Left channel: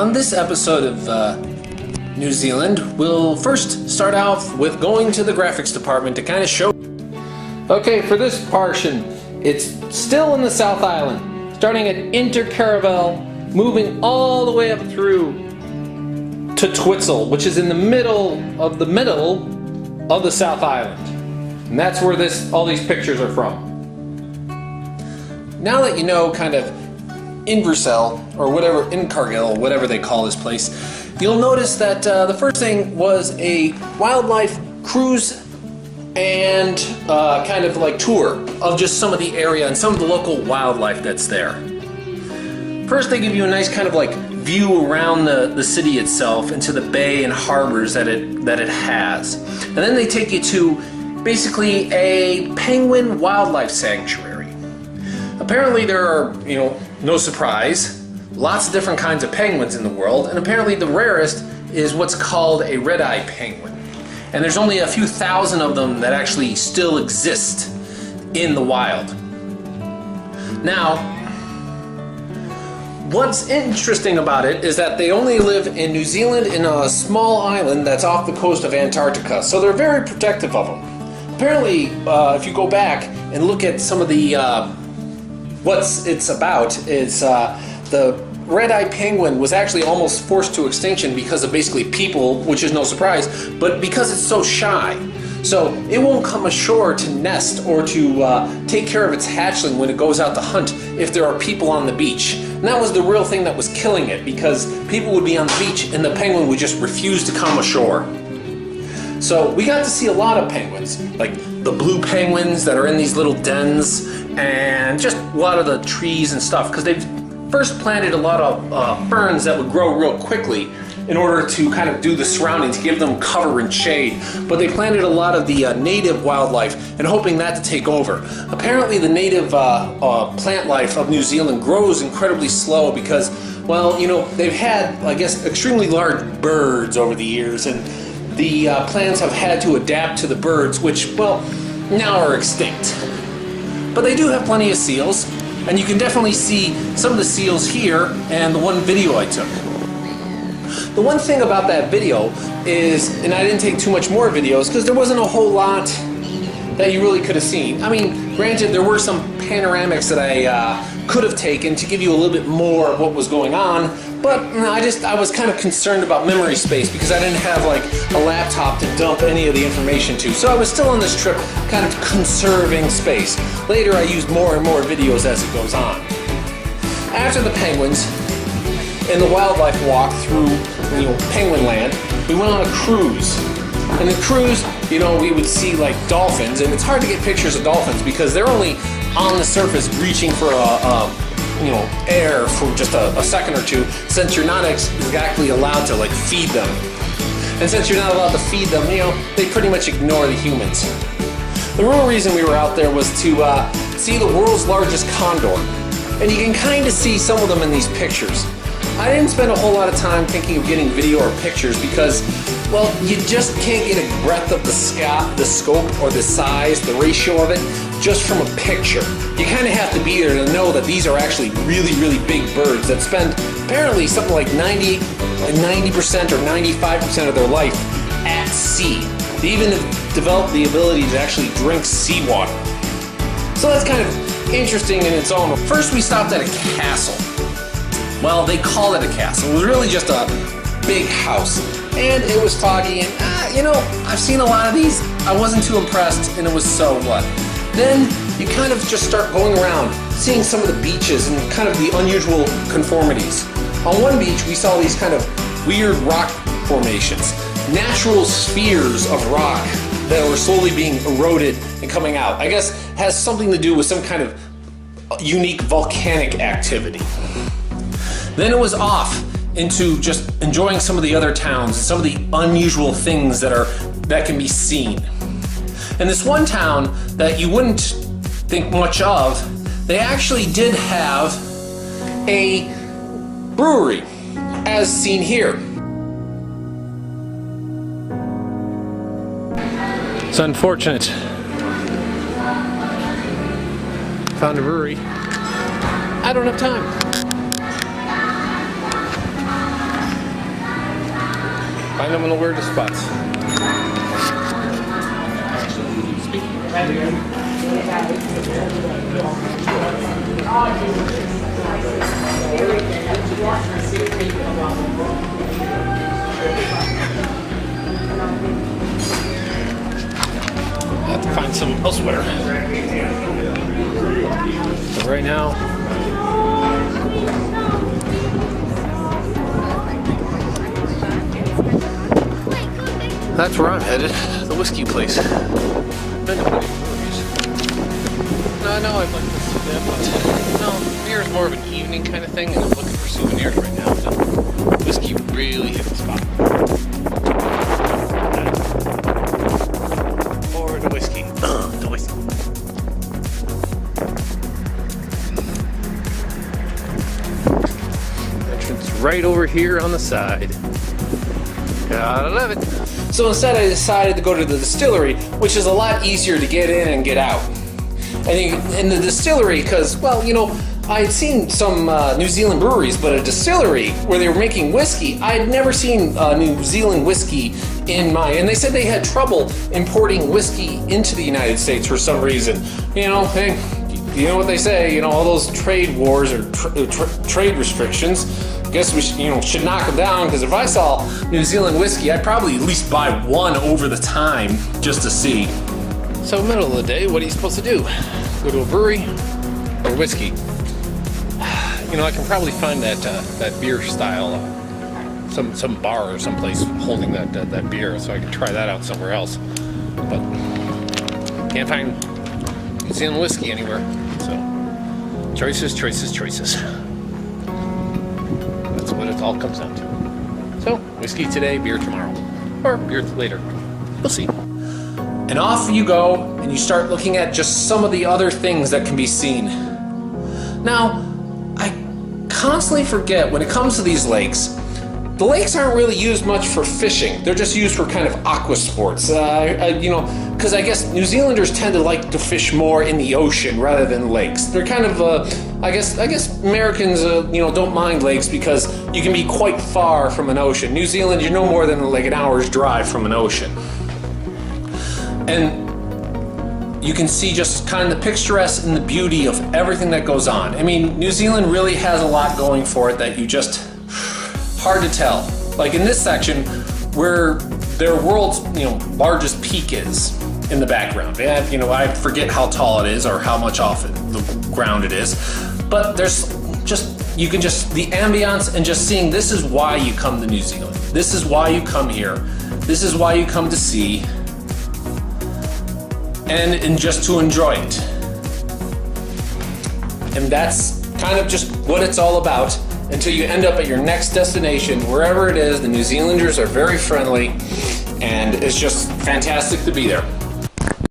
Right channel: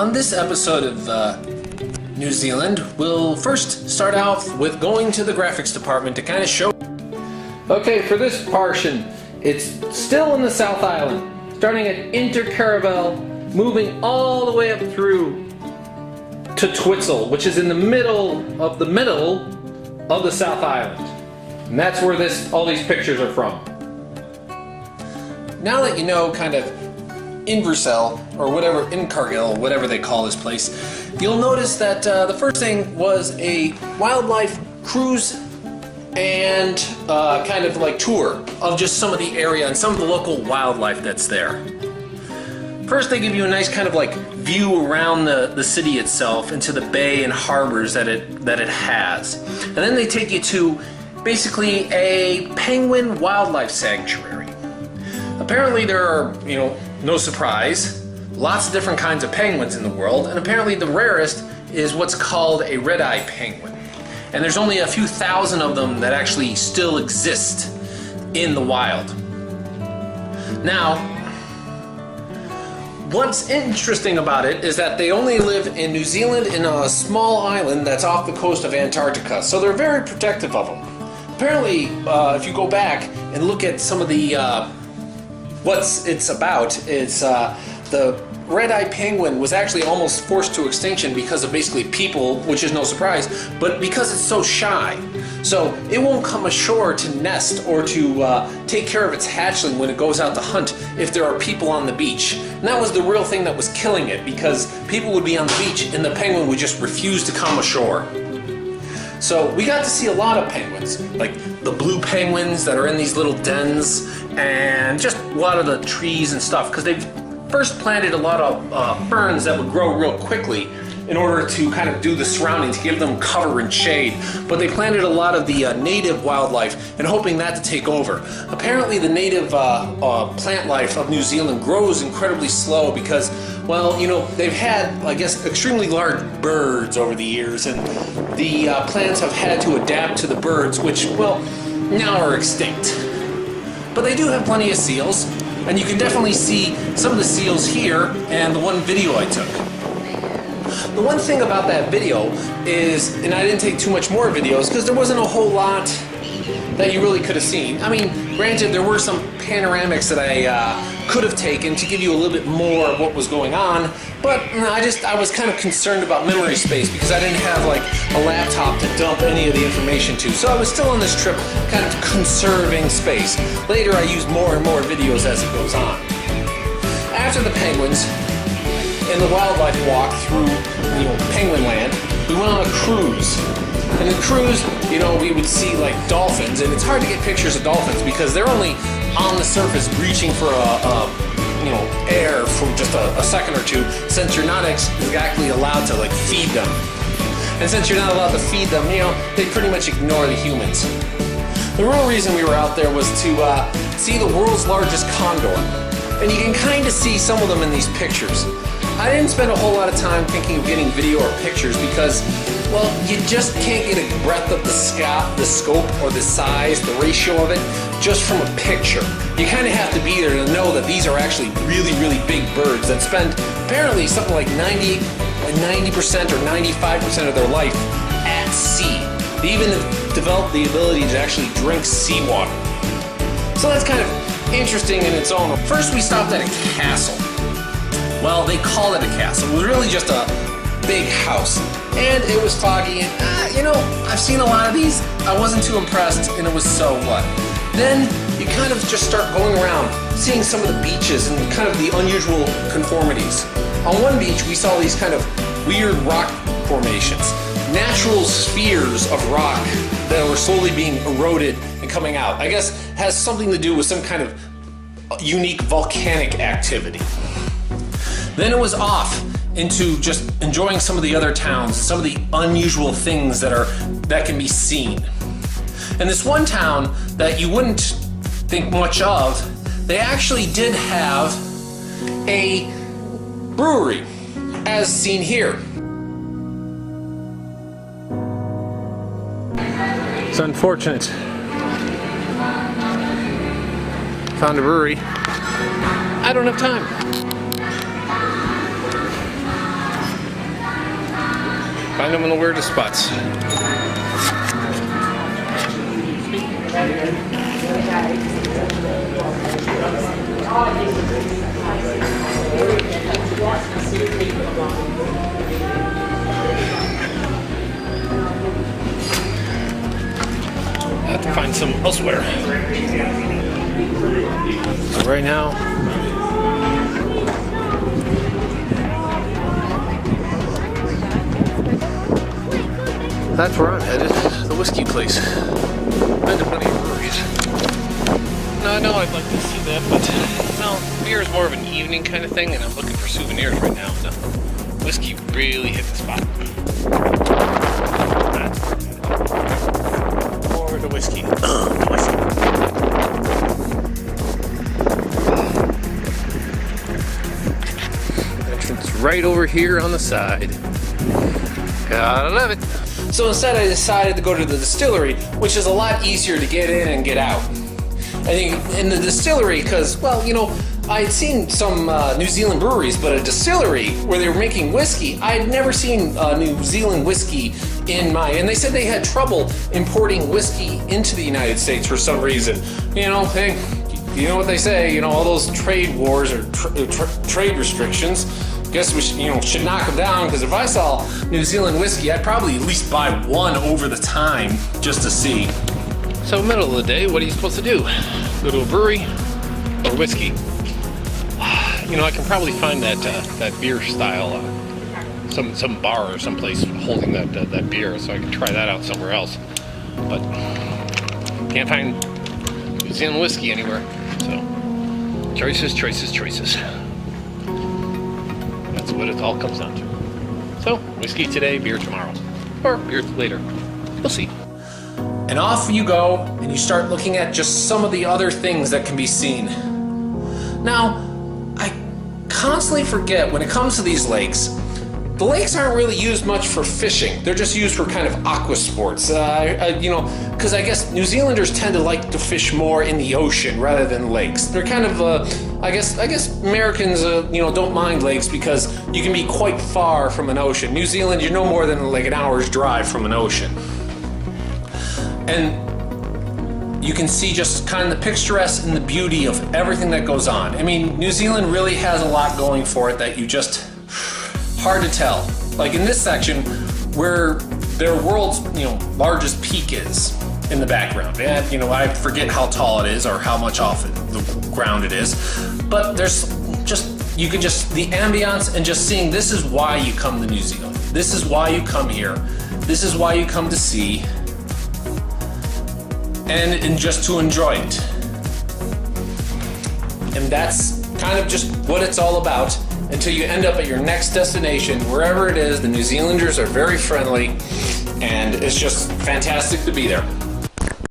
On this episode of New Zealand, we'll first start out with going to the graphics department to kind of show. Okay, for this portion, it's still in the South Island, starting at Intvercargil, moving all the way up through to Twizel, which is in the middle of the South Island. And that's where all these pictures are from. Now that you know kind of Invercargil, or whatever, Invercargil, whatever they call this place, you'll notice that the first thing was a wildlife cruise and kind of like tour of just some of the area and some of the local wildlife that's there. First they give you a nice kind of like view around the city itself into the bay and harbors that it has. And then they take you to basically a penguin wildlife sanctuary. Apparently there are, no surprise, lots of different kinds of penguins in the world, and apparently the rarest is what's called a red-eye penguin. And there's only a few thousand of them that actually still exist in the wild. Now, what's interesting about it is that they only live in New Zealand in a small island that's off the coast of Antarctica, so they're very protective of them. Apparently, if you go back and look at some of the what it's about, is the red-eye penguin was actually almost forced to extinction because of basically people, which is no surprise, but because it's so shy. So it won't come ashore to nest or to take care of its hatchling when it goes out to hunt if there are people on the beach. And that was the real thing that was killing it, because people would be on the beach and the penguin would just refuse to come ashore. So we got to see a lot of penguins, like the blue penguins that are in these little dens, and just a lot of the trees and stuff, because they've first planted a lot of ferns that would grow real quickly in order to kind of do the surrounding, to give them cover and shade. But they planted a lot of the native wildlife and hoping that to take over. Apparently the native plant life of New Zealand grows incredibly slow because, well, they've had, I guess, extremely large birds over the years, and the plants have had to adapt to the birds, which, well, now are extinct. But they do have plenty of seals, and you can definitely see some of the seals here and the one video I took. The one thing about that video is, and I didn't take too much more videos because there wasn't a whole lot that you really could have seen. I mean, granted, there were some panoramics that I could have taken to give you a little bit more of what was going on, but I was kind of concerned about memory space because I didn't have like a laptop to dump any of the information to. So I was still on this trip kind of conserving space. Later I used more and more videos as it goes on. After the penguins and the wildlife walk through Penguin Land, we went on a cruise. And the cruise, we would see like dolphins, and it's hard to get pictures of dolphins because they're only on the surface reaching for air for just a second or two, since you're not exactly allowed to like feed them. And since you're not allowed to feed them, they pretty much ignore the humans. The real reason we were out there was to see the world's largest condor. And you can kind of see some of them in these pictures. I didn't spend a whole lot of time thinking of getting video or pictures because, well, you just can't get a breadth of the scope or the size, the ratio of it, just from a picture. You kind of have to be there to know that these are actually really, really big birds that spend apparently something like 90% or 95% of their life at sea. They even have developed the ability to actually drink seawater. So that's kind of interesting in its own. First, we stopped at a castle. Well, they call it a castle. It was really just a big house. And it was foggy, and I've seen a lot of these. I wasn't too impressed, and it was so what. Then you kind of just start going around, seeing some of the beaches and kind of the unusual conformities. On one beach, we saw these kind of weird rock formations, natural spheres of rock that were slowly being eroded and coming out. I guess has something to do with some kind of unique volcanic activity. Then it was off into just enjoying some of the other towns and some of the unusual things that can be seen. And this one town that you wouldn't think much of, they actually did have a brewery, as seen here. It's unfortunate. Found a brewery. I don't have time. Find them in the weirdest spots. I have to find some elsewhere. So right now, that's where I'm headed, the whiskey place. Been to plenty of breweries. No, I know I'd like to do that, but no, beer is more of an evening kind of thing, and I'm looking for souvenirs right now. And whiskey really hit the spot. Or the whiskey. The whiskey. Entrance right over here on the side. Gotta love it. So instead I decided to go to the distillery, which is a lot easier to get in and get out. I think in the distillery, because, well, you know, I had seen some New Zealand breweries, but a distillery where they were making whiskey, I had never seen New Zealand whiskey in my, and they said they had trouble importing whiskey into the United States for some reason. You know, hey, you know what they say, you know, all those trade wars or trade restrictions. Guess we should knock them down, because if I saw New Zealand whiskey, I'd probably at least buy one over the time just to see. So middle of the day, what are you supposed to do? Go to a brewery or whiskey? You know, I can probably find that beer style, some bar or someplace holding that beer, so I can try that out somewhere else. But can't find New Zealand whiskey anywhere. So choices. That's what it all comes down to. So, whiskey today, beer tomorrow. Or beer later. We'll see. And off you go, and you start looking at just some of the other things that can be seen. Now, I constantly forget when it comes to these lakes, the lakes aren't really used much for fishing. They're just used for kind of aqua sports. You know, because I guess New Zealanders tend to like to fish more in the ocean rather than lakes. They're kind of, I guess Americans, you know, don't mind lakes because you can be quite far from an ocean. New Zealand, you're no more than like an hour's drive from an ocean. And you can see just kind of the picturesque and the beauty of everything that goes on. I mean, New Zealand really has a lot going for it that you just, hard to tell. Like in this section where their world's, you know, largest peak is in the background. And, you know, I forget how tall it is or how much off the ground it is. But there's just, you can just, the ambiance and just seeing, this is why you come to New Zealand. This is why you come here. This is why you come to see. And just to enjoy it. And that's kind of just what it's all about until you end up at your next destination, wherever it is. The New Zealanders are very friendly, and it's just fantastic to be there.